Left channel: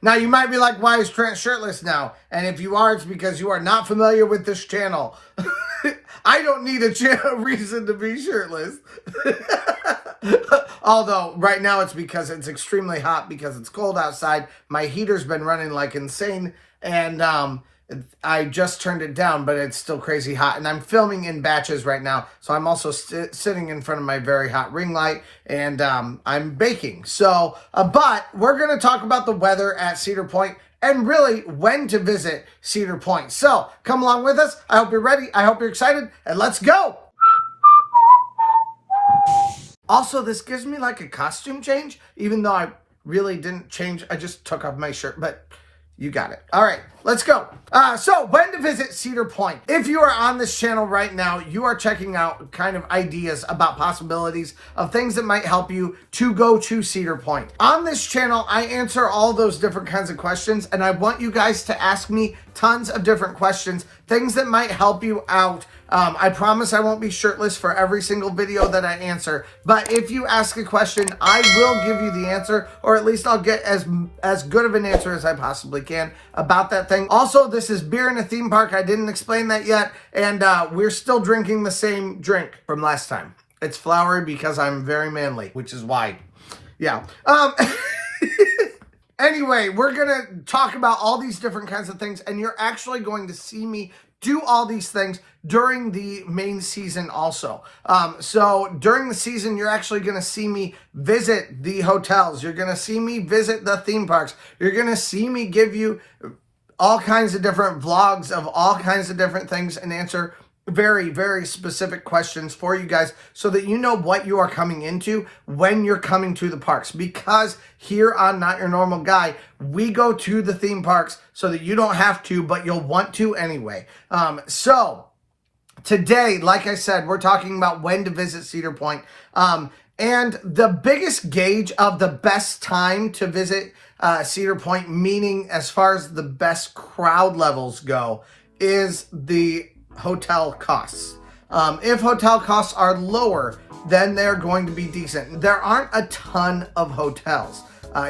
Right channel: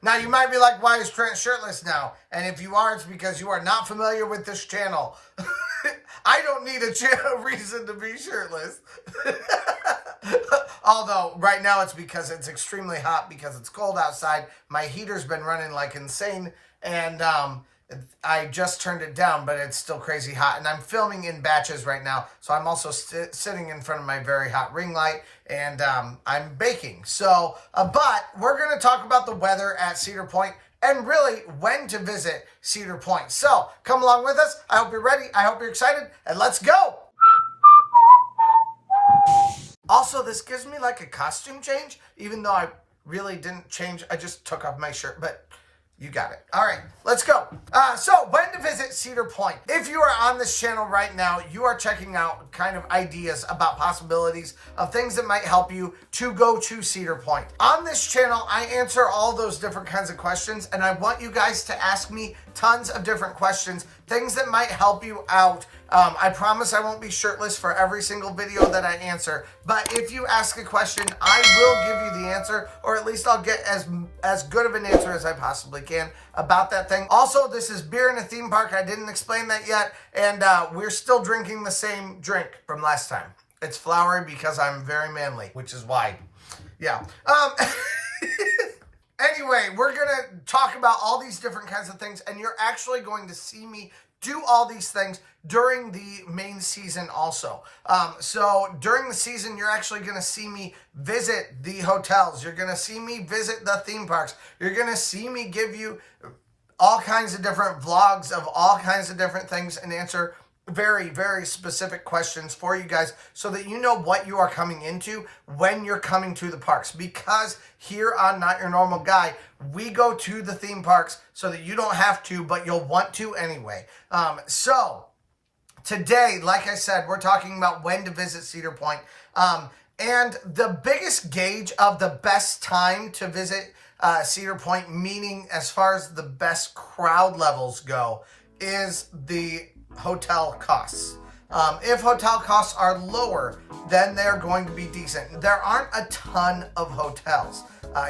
Now, you might be like, why is Trent shirtless now? And if you are, it's because you are not familiar with this channel. I don't need a reason to be shirtless. Although, right now it's because it's extremely hot because it's cold outside. My heater's been running like insane, and I just turned it down, but it's still crazy hot. And I'm filming in batches right now, so I'm also sitting in front of my very hot ring light, and I'm baking. So, but we're going to talk about the weather at Cedar Point and really when to visit Cedar Point. So, come along with us. I hope you're ready. I hope you're excited, and let's go. Also, this gives me like a costume change, even though I really didn't change. I just took off my shirt, but you got it. All right, let's go. So when to visit Cedar Point. If you are on this channel right now, you are checking out kind of ideas about possibilities of things that might help you to go to Cedar Point. On this channel, I answer all those different kinds of questions, and I want you guys to ask me tons of different questions, things that might help you out. I promise I won't be shirtless for every single video that I answer, but if you ask a question, I will give you the answer, or at least I'll get as good of an answer as I possibly can about that thing. Also, this is beer in a theme park. I didn't explain that yet, and we're still drinking the same drink from last time. It's flowery because I'm very manly, which is why. Yeah. Anyway, we're going to talk about all these different kinds of things, and you're actually going to see me do all these things during the main season also. So during the season, you're actually going to see me visit the hotels. You're going to see me visit the theme parks. You're going to see me give you all kinds of different vlogs of all kinds of different things and answer very, very specific questions for you guys so that you know what you are coming into when you're coming to the parks. Because here on Not Your Normal Guy, we go to the theme parks so that you don't have to, but you'll want to anyway. So today, like I said, we're talking about when to visit Cedar Point. And the biggest gauge of the best time to visit Cedar Point, meaning as far as the best crowd levels go, is the hotel costs. If hotel costs are lower, then they're going to be decent. There aren't a ton of hotels.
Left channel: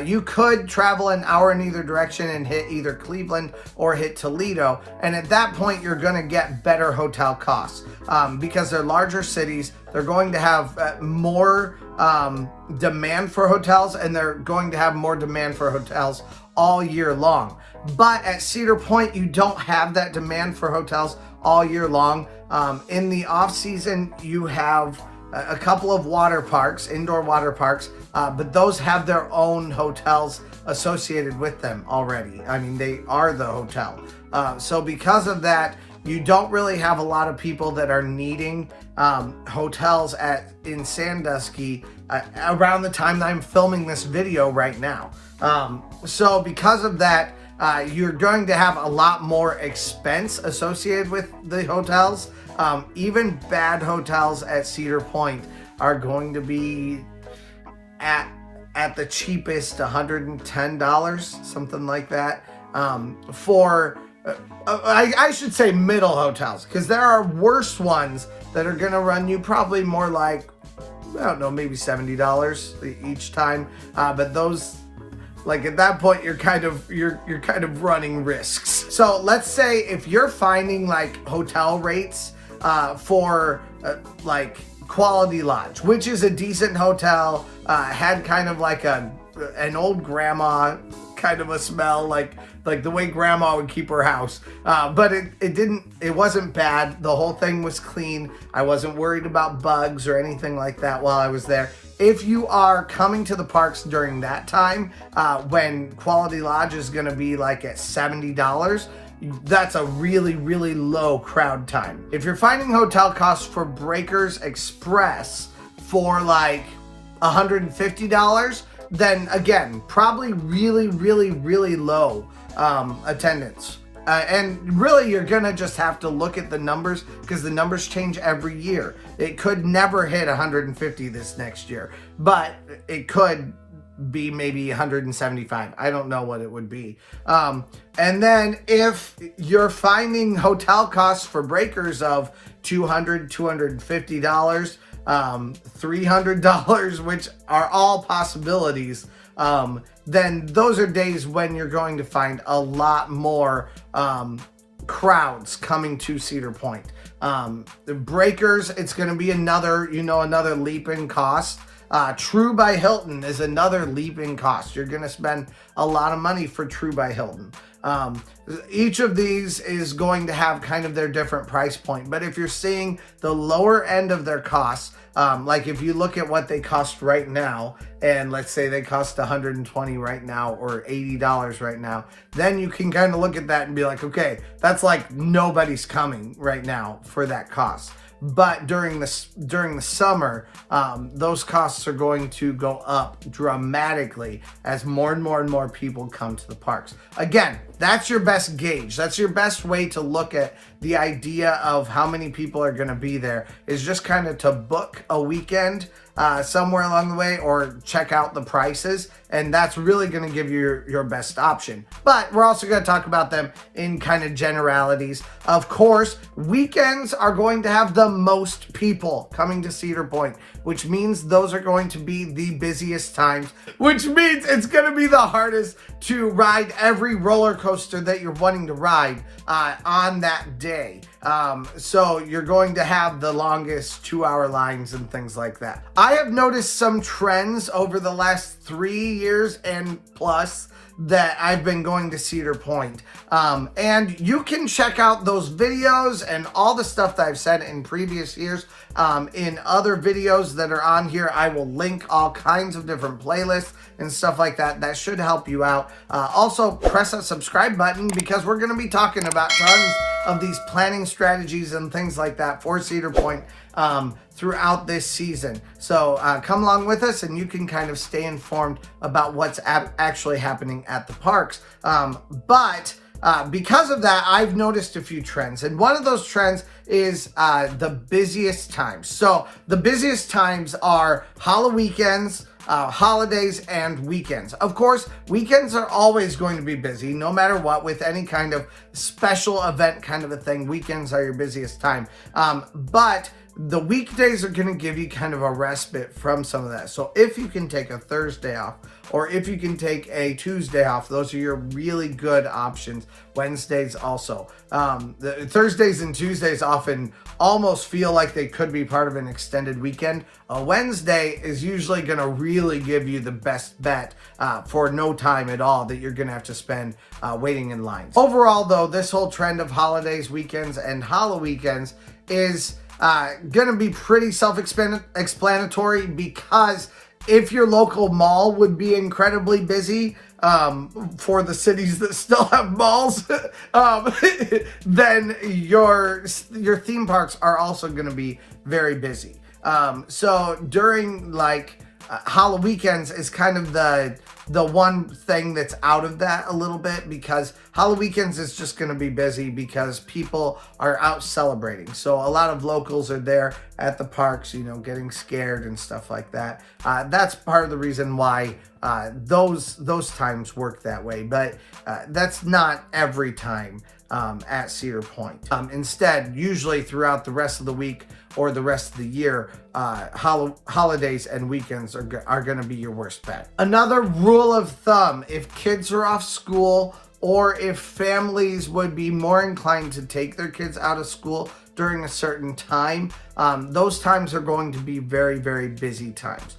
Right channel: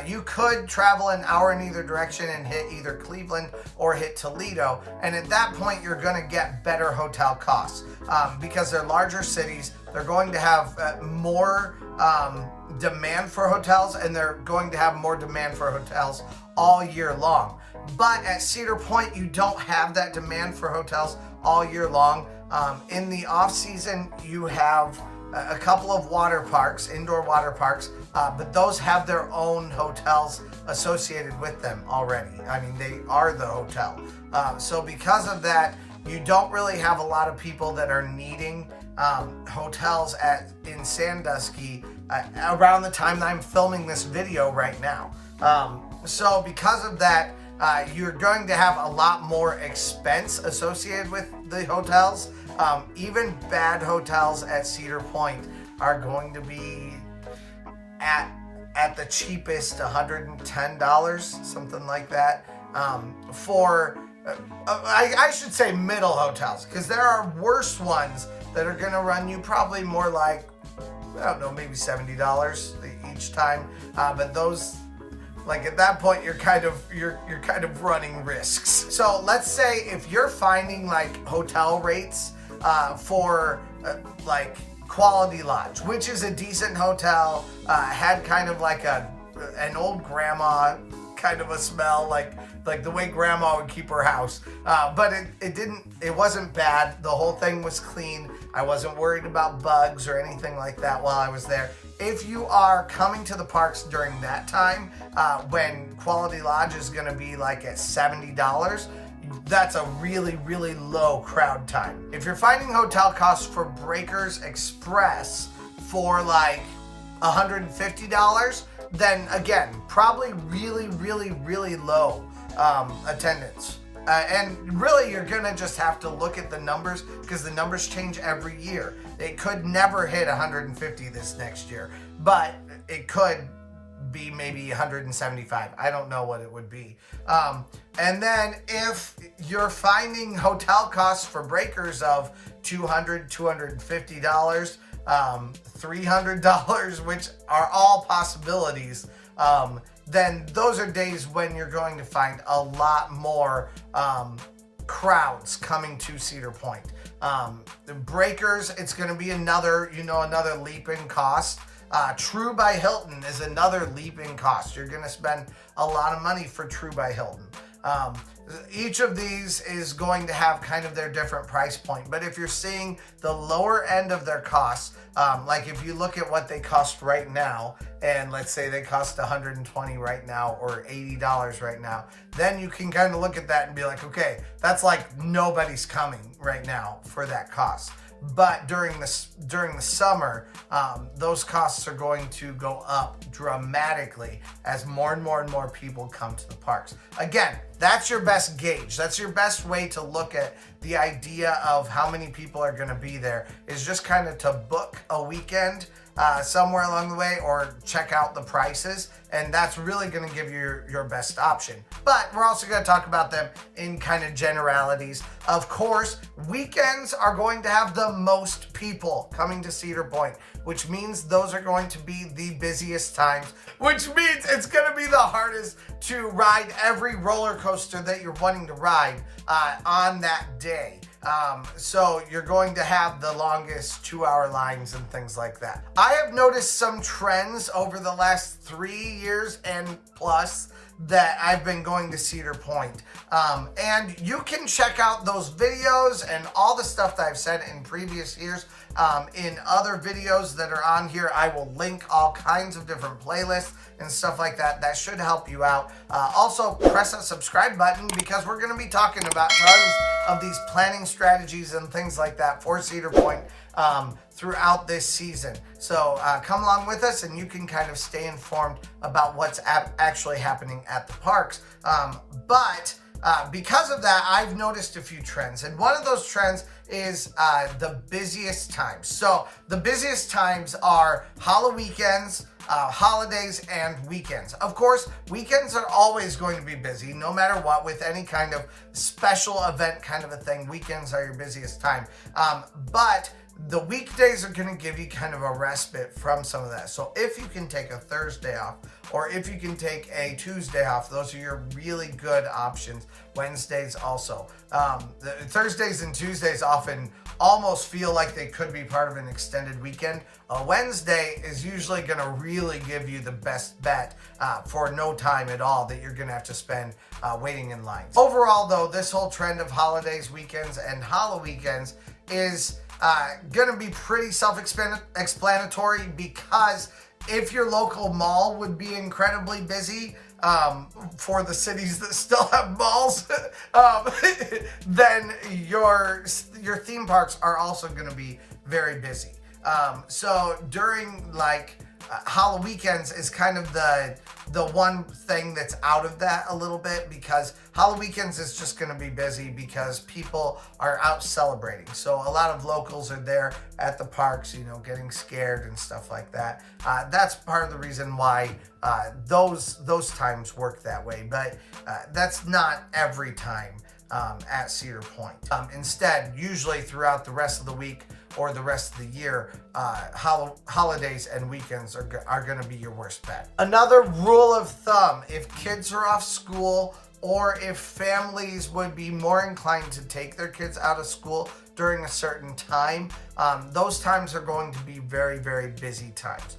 You could travel an hour in either direction and hit either Cleveland or hit Toledo, and at that point you're going to get better hotel costs because they're larger cities. They're going to have more demand for hotels, and they're going to have more demand for hotels all year long. But at Cedar Point, you don't have that demand for hotels all year long. In the off season, you have a couple of water parks, indoor water parks, but those have their own hotels associated with them already. I mean, they are the hotel. So because of that, you don't really have a lot of people that are needing hotels in Sandusky around the time that I'm filming this video right now. So because of that, you're going to have a lot more expense associated with the hotels. Even bad hotels at Cedar Point are going to be at the cheapest $110, something like that, for I should say middle hotels, because there are worse ones that are going to run you probably more like, I don't know, maybe $70 each time, but those, like at that point, you're kind of running risks. So let's say if you're finding like hotel rates for like Quality Lodge, which is a decent hotel, had kind of like an old grandma kind of a smell, like the way grandma would keep her house, but it wasn't bad. The whole thing was clean. I wasn't worried about bugs or anything like that while I was there. If you are coming to the parks during that time, when Quality Lodge is going to be like at $70, that's a really, really low crowd time. If you're finding hotel costs for Breakers Express for like $150, then again, probably really, really, really low attendance. And really, you're gonna just have to look at the numbers because the numbers change every year. It could never hit 150 this next year, but it could be maybe 175. I don't know what it would be. And then if you're finding hotel costs for Breakers of $200, $250, $300, which are all possibilities, then those are days when you're going to find a lot more crowds coming to Cedar Point. The breakers, it's going to be another leap in cost. True by Hilton is another leap in cost. You're going to spend a lot of money for True by Hilton. Each of these is going to have kind of their different price point, but if you're seeing the lower end of their costs, like if you look at what they cost right now, and let's say they cost $120 right now or $80 right now, then you can kind of look at that and be like, okay, that's like nobody's coming right now for that cost. But during the summer, those costs are going to go up dramatically as more and more and more people come to the parks. Again, that's your best gauge. That's your best way to look at the idea of how many people are going to be there, is just kind of to book a weekend somewhere along the way or check out the prices, and that's really going to give you your best option. But we're also going to talk about them in kind of generalities. Of course, weekends are going to have the most people coming to Cedar Point, which means those are going to be the busiest times, which means it's going to be the hardest to ride every roller coaster that you're wanting to ride on that day. So you're going to have the longest 2-hour lines and things like that. I have noticed some trends over the last 3 years and plus that I've been going to Cedar Point. And you can check out those videos and all the stuff that I've said in previous years in other videos that are on here. I will link all kinds of different playlists and stuff like that. That should help you out. Also, press that subscribe button because we're going to be talking about tons of these planning strategies and things like that for Cedar Point throughout this season. So come along with us and you can kind of stay informed about what's actually happening at the parks. But because of that, I've noticed a few trends. And one of those trends is the busiest times. So the busiest times are weekends, holidays, and weekends. Of course, weekends are always going to be busy, no matter what, with any kind of special event kind of a thing. Weekends are your busiest time. But the weekdays are going to give you kind of a respite from some of that. So if you can take a Thursday off, or if you can take a Tuesday off, those are your really good options. Wednesdays also. The Thursdays and Tuesdays often almost feel like they could be part of an extended weekend. A Wednesday is usually going to really give you the best bet for no time at all that you're going to have to spend waiting in lines. Overall, though, this whole trend of holidays, weekends, and weekends is gonna be pretty self-explanatory, because if your local mall would be incredibly busy for the cities that still have malls, then your theme parks are also gonna be very busy. So during weekends is kind of the one thing that's out of that a little bit, because weekends is just going to be busy because people are out celebrating. So a lot of locals are there at the parks, getting scared and stuff like that. That's part of the reason why those times work that way, but that's not every time at Cedar Point. Instead, usually throughout the rest of the week or the rest of the year, holidays and weekends are going to be your worst bet. Another rule of thumb, if kids are off school, or if families would be more inclined to take their kids out of school during a certain time, those times are going to be very, very busy times.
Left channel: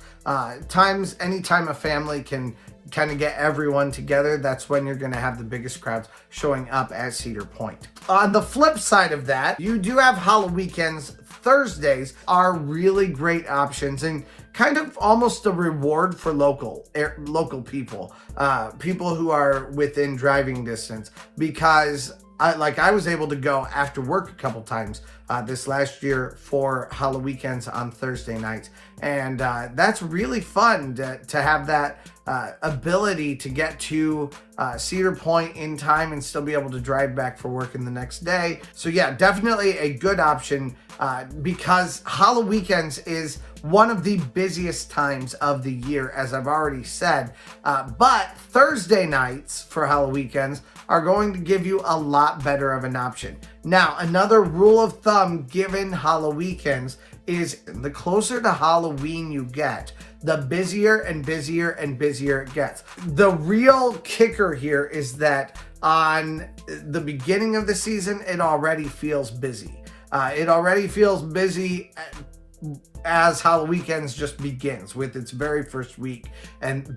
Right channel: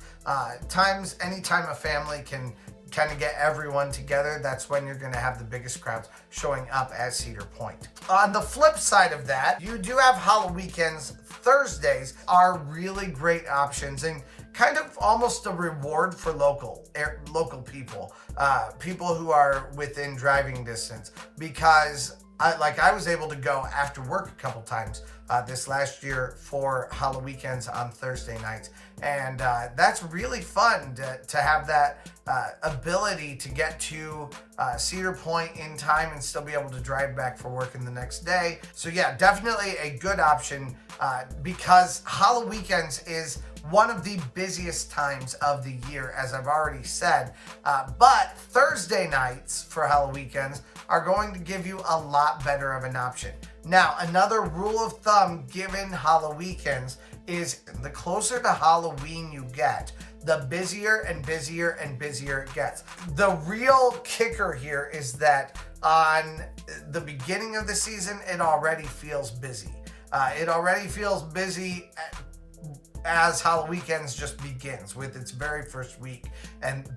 Anytime a family can kind of get everyone together, that's when you're going to have the biggest crowds showing up at Cedar Point. On the flip side of that, you do have weekends. Thursdays are really great options and kind of almost a reward for local people, people who are within driving distance, because I was able to go after work a couple times this last year for weekends on Thursday nights. And that's really fun to have that ability to get to Cedar Point in time and still be able to drive back for work in the next day. So yeah, definitely a good option because weekends is one of the busiest times of the year, as I've already said. But Thursday nights for weekends are going to give you a lot better of an option. Now, another rule of thumb given weekends is the closer to Halloween you get, the busier and busier and busier it gets. The real kicker here is that on the beginning of the season, it already feels busy. It already feels busy as Halloween just begins with its very first week,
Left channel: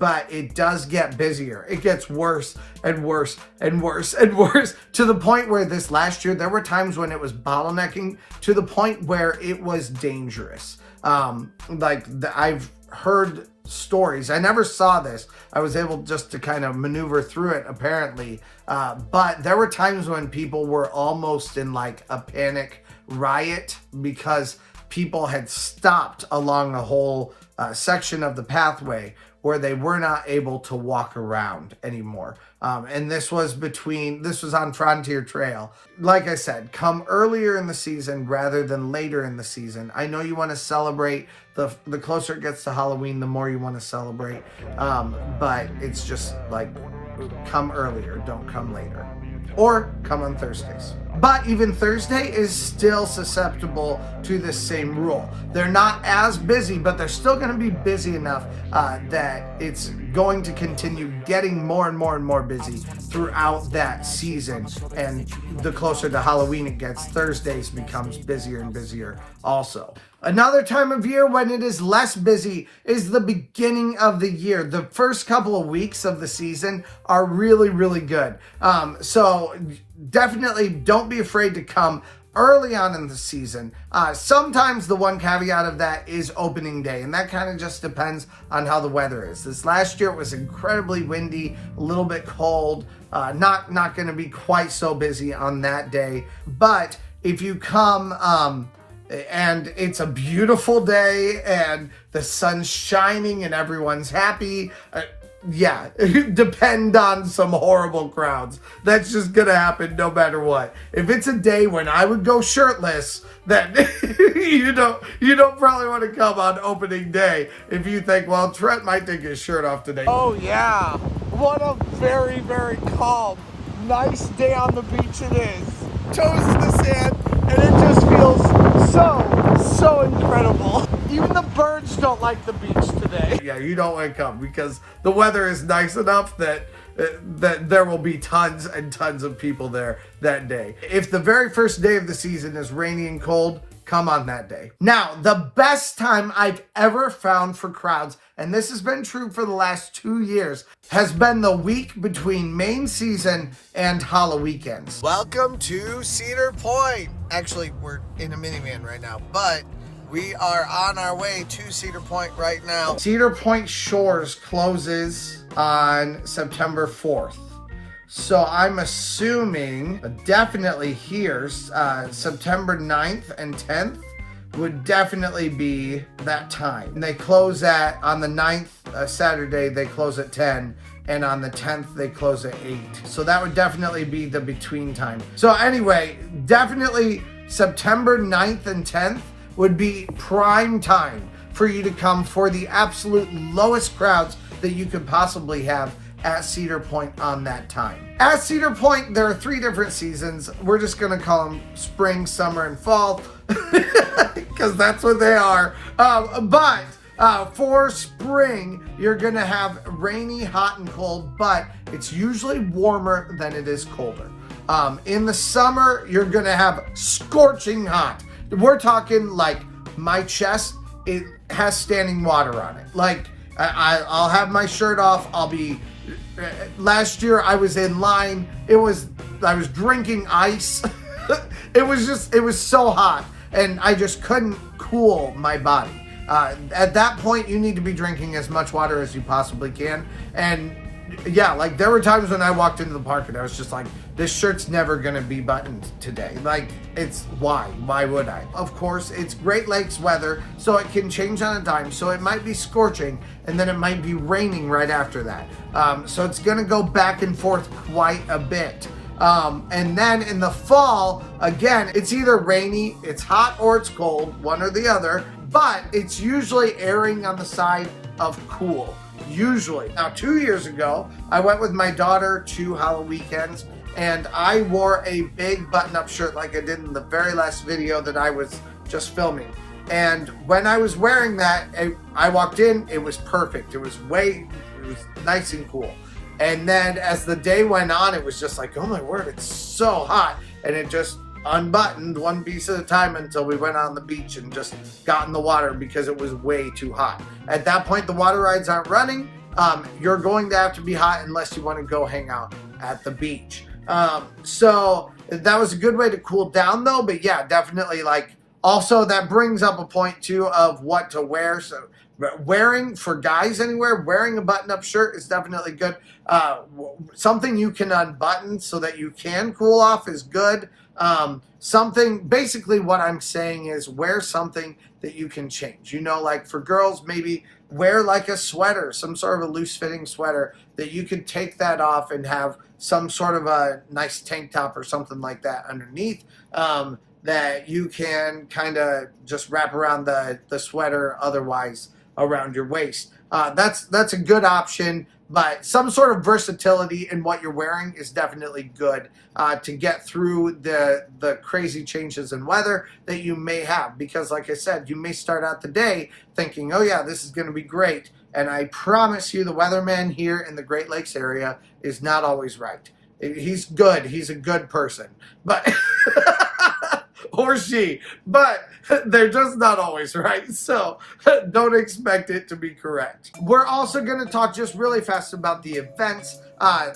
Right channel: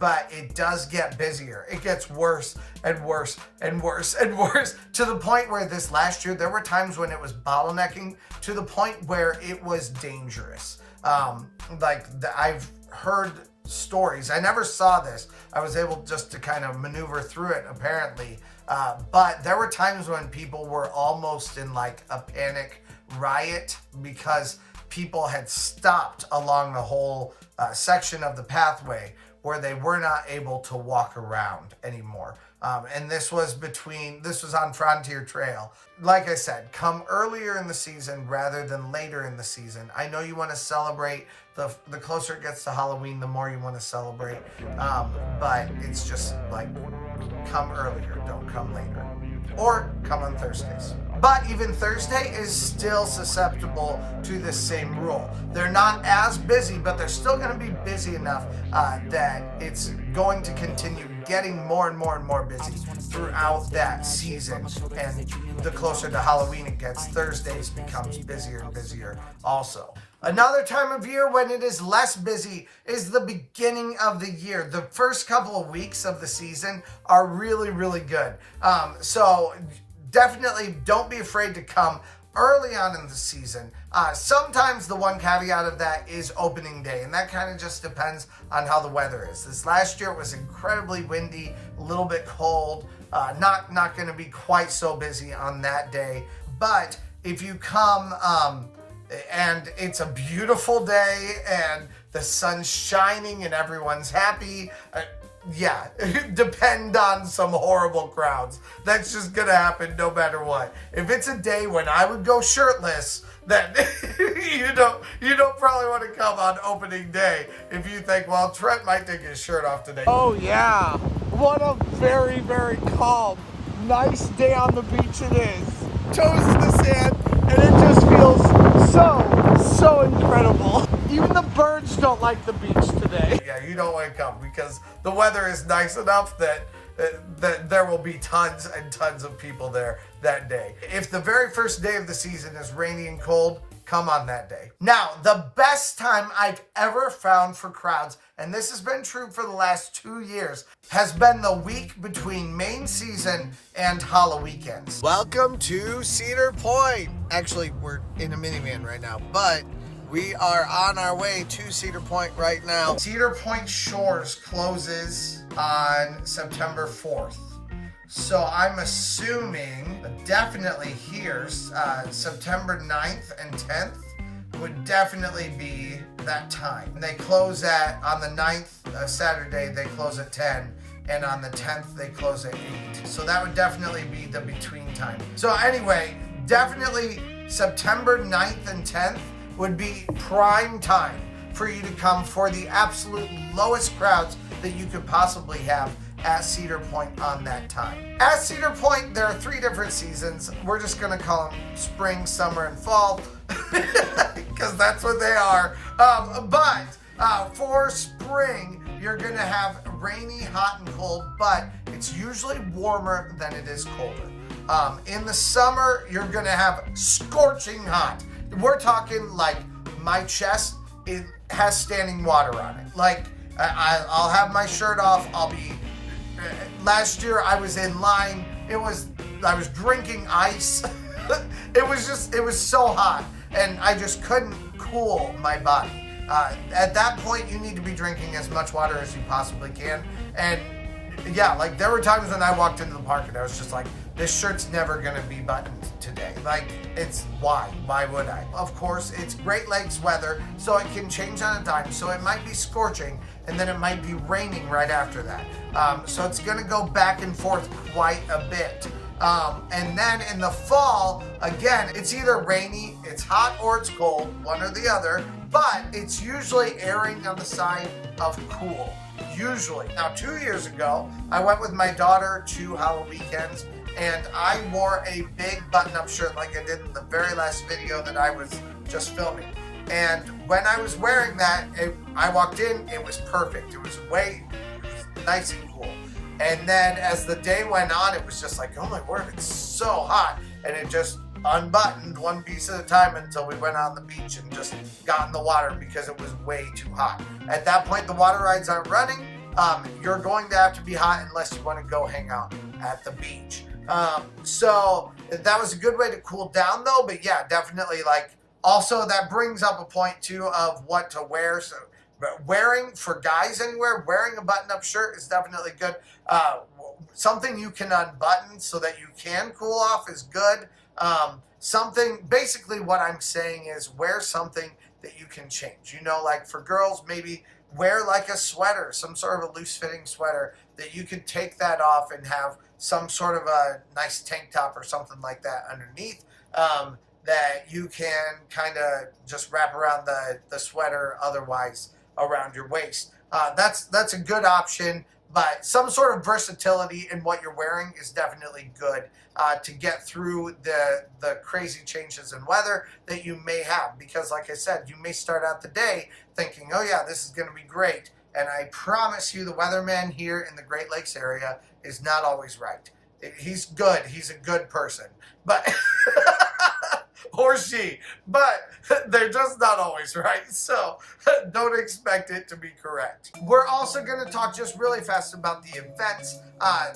but it does get busier. It gets worse and worse and worse and worse, to the point where this last year there were times when it was bottlenecking to the point where it was dangerous. I've heard stories. I never saw this. I was able just to kind of maneuver through it apparently, but there were times when people were almost in like a panic riot because people had stopped along a whole section of the pathway where they were not able to walk around anymore. And this was on Frontier Trail. Like I said, come earlier in the season rather than later in the season. I know you want to celebrate. The closer it gets to Halloween, the more you want to celebrate. But it's just like, come earlier, don't come later. Or come on Thursdays. But even Thursday is still susceptible to this same rule. They're not as busy, but they're still going to be busy enough that it's going to continue getting more and more and more busy throughout that season. And the closer to Halloween it gets, Thursdays becomes busier and busier also. Another time of year when it is less busy is the beginning of the year. The first couple of weeks of the season are really, really good. So definitely don't be afraid to come early on in the season. Sometimes the one caveat of that is opening day, and that kind of just depends on how the weather is. This last year it was incredibly windy, a little bit cold, not going to be quite so busy on that day. But if you come and it's a beautiful day and the sun's shining and everyone's happy, depend on some horrible crowds. That's just gonna happen no matter what. If it's a day when I would go shirtless, then you don't probably want to come on opening day if you think, well, Trent might take his shirt off today. Oh yeah, what a very, very calm, nice day on the beach it is. Toes in the sand, and it just feels so incredible. Even the birds don't like the beach today. Yeah, you don't want to come because the weather is nice enough that there will be tons and tons of people there that day. If the very first day of the season is rainy and cold, come on that day. Now, the best time I've ever found for crowds, and this has been true for the last 2 years, has been the week between main season and Halloween. Welcome to Cedar Point. Actually, we're in a minivan right now, but we are on our way to Cedar Point right now. Cedar Point Shores closes on September 4th. So I'm assuming definitely here, September 9th and 10th would definitely be that time. They close on the 9th, Saturday, they close at 10. And on the 10th, they close at 8. So that would definitely be the between time. So anyway, definitely September 9th and 10th would be prime time for you to come for the absolute lowest crowds that you could possibly have at Cedar Point on that time. At Cedar Point, there are 3 different seasons. We're just gonna call them spring, summer, and fall because that's what they are. But for spring, you're gonna have rainy, hot, and cold, but it's usually warmer than it is colder. In the summer, you're gonna have scorching hot. We're talking like my chest, it has standing water on it. Like I'll have my shirt off. Last year I was in line. I was drinking ice. It was so hot and I just couldn't cool my body. At that point, you need to be drinking as much water as you possibly can. And yeah, like there were times when I walked into the park and I was just like, this shirt's never gonna be buttoned today. Like, why would I? Of course, it's Great Lakes weather, so it can change on a dime. So it might be scorching and then it might be raining right after that. So it's gonna go back and forth quite a bit. And then in the fall, again, it's either rainy, it's hot, or it's cold, one or the other, but it's usually erring on the side of cool. Usually. Now, 2 years ago, I went with my daughter to Halloween, and I wore a big button-up shirt like I did in the very last video that I was just filming. And when I was wearing that, I walked in, it was perfect. It was nice and cool. And then as the day went on, it was just like, oh my word, it's so hot. And it just unbuttoned one piece at a time until we went on the beach and just got in the water because it was way too hot. At that point, the water rides aren't running. You're going to have to be hot unless you want to go hang out at the beach. So that was a good way to cool down though. But yeah, definitely like, also that brings up a point too of what to wear. So wearing, for guys anywhere, wearing a button-up shirt is definitely good. Something you can unbutton so that you can cool off is good. Basically what I'm saying is wear something that you can change. You know, like for girls, maybe wear like a sweater, some sort of a loose-fitting sweater that you can take that off and have some sort of a nice tank top or something like that underneath. That you can kind of just wrap around the sweater, otherwise around your waist. That's a good option, but some sort of versatility in what you're wearing is definitely good to get through the crazy changes in weather that you may have. Because like I said, you may start out the day thinking, oh yeah, this is going to be great. And I promise you the weatherman here in the Great Lakes area is not always right. He's good. He's a good person. But... or she, but they're just not always right, so don't expect it to be correct. We're also going to talk just really fast about the events.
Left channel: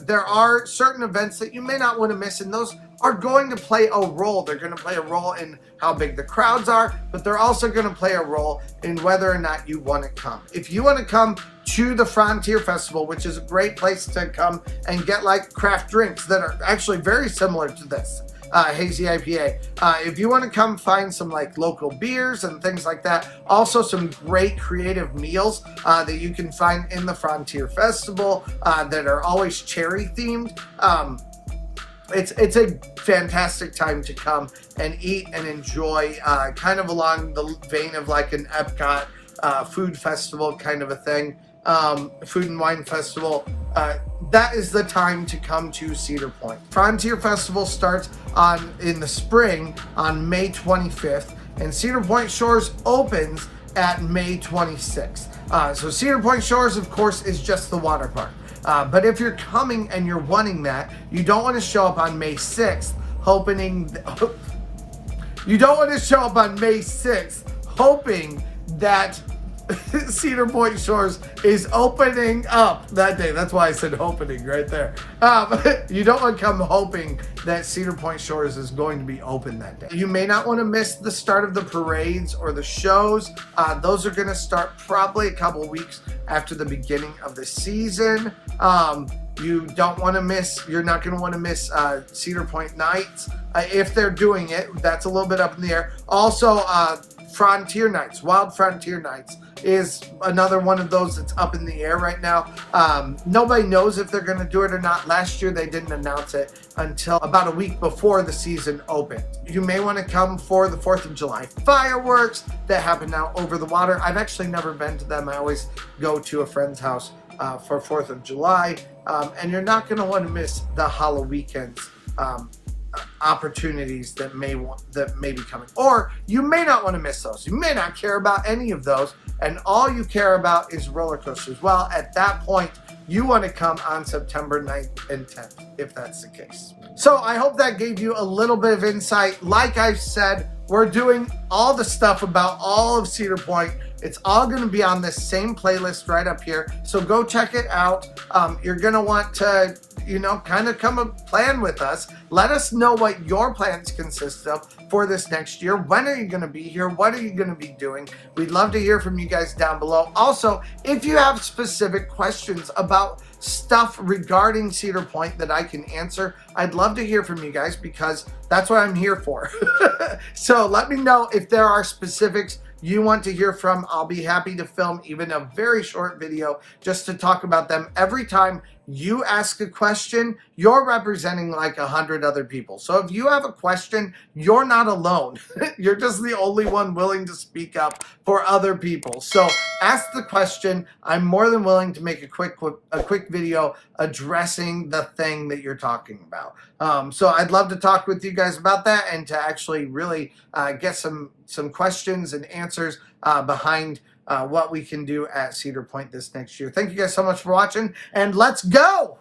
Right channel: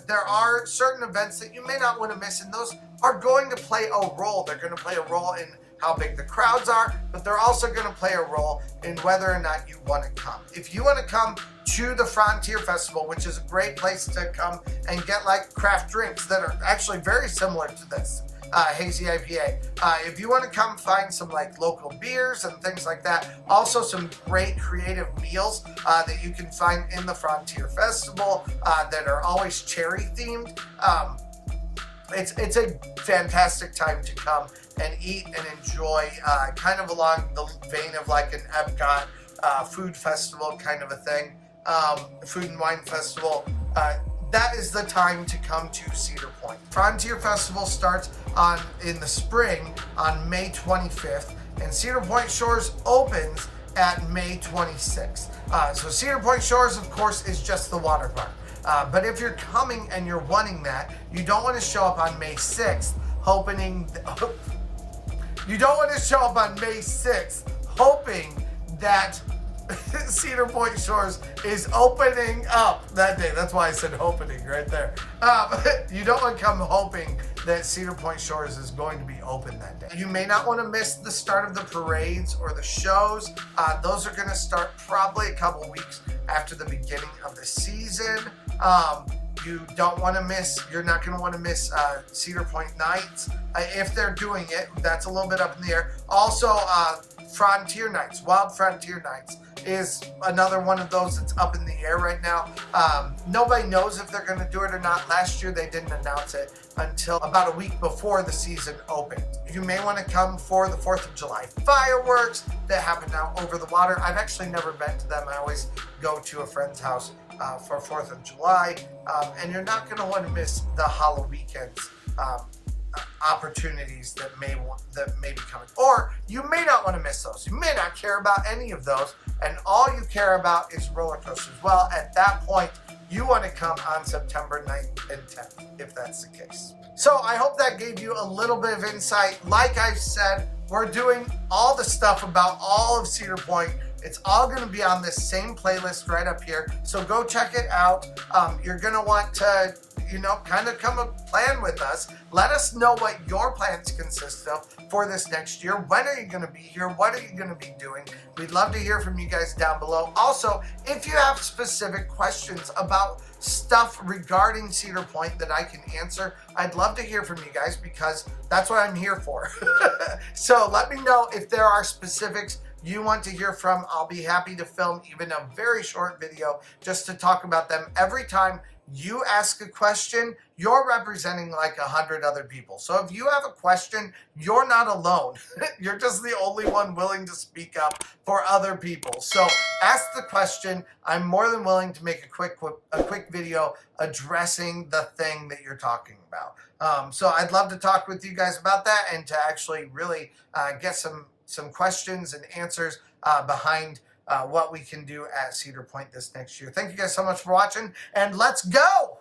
There are certain events that you may not want to miss, and those are going to play a role. They're going to play a role in how big the crowds are, but they're also going to play a role in whether or not you want to come. If you want to come to the Frontier Festival, which is a great place to come and get like craft drinks that are actually very similar to this, hazy IPA. If you want to come find some like local beers and things like that, also some great creative meals that you can find in the Frontier Festival that are always cherry themed. It's a fantastic time to come and eat and enjoy, kind of along the vein of like an Epcot food festival kind of a thing, food and wine festival. That is the time to come to Cedar Point. Frontier Festival starts in the spring on May 25th, and Cedar Point Shores opens at May 26th. So Cedar Point Shores, of course, is just the water park. But if you're coming and you're wanting that, you don't want to show up on May 6th you don't want to show up on May 6th hoping that Cedar Point Shores is opening up that day. That's why I said opening right there. You don't want to come hoping that Cedar Point Shores is going to be open that day. You may not want to miss the start of the parades or the shows. Those are going to start probably a couple weeks after the beginning of the season. You don't want to miss, you're not going to want to miss Cedar Point Nights. If they're doing it, that's a little bit up in the air. Also, Frontier Nights, Wild Frontier Nights is another one of those that's up in the air right now. Nobody knows if they're going to do it or not. Last year, they didn't announce it until about a week before the season opened. You may want to come for the 4th of July fireworks that happen now over the water. I've actually never been to them. I always go to a friend's house for 4th of July. And you're not going to want to miss the Halloween opportunities that may be coming, or you may not want to miss those. You may not care about any of those, and all you care about is roller coasters. Well, at that point, you want to come on September 9th and 10th, if that's the case. So I hope that gave you a little bit of insight. Like I've said, we're doing all the stuff about all of Cedar Point. It's all going to be on this same playlist right up here. So go check it out. You're going to want to, kind of come and plan with us. Let us know what your plans consist of for this next year. When are you going to be here? What are you going to be doing? We'd love to hear from you guys down below. Also, if you have specific questions about stuff regarding Cedar Point that I can answer, I'd love to hear from you guys, because that's what I'm here for. So let me know if there are specifics you want to hear from. I'll be happy to film even a very short video just to talk about them every time you ask a question, you're representing like 100 other people. So if you have a question, you're not alone. You're just the only one willing to speak up for other people. So ask the question. I'm more than willing to make a quick video addressing the thing that you're talking about. So I'd love to talk with you guys about that and to actually really get some questions and answers behind what we can do at Cedar Point this next year. Thank you guys so much for watching, and let's go!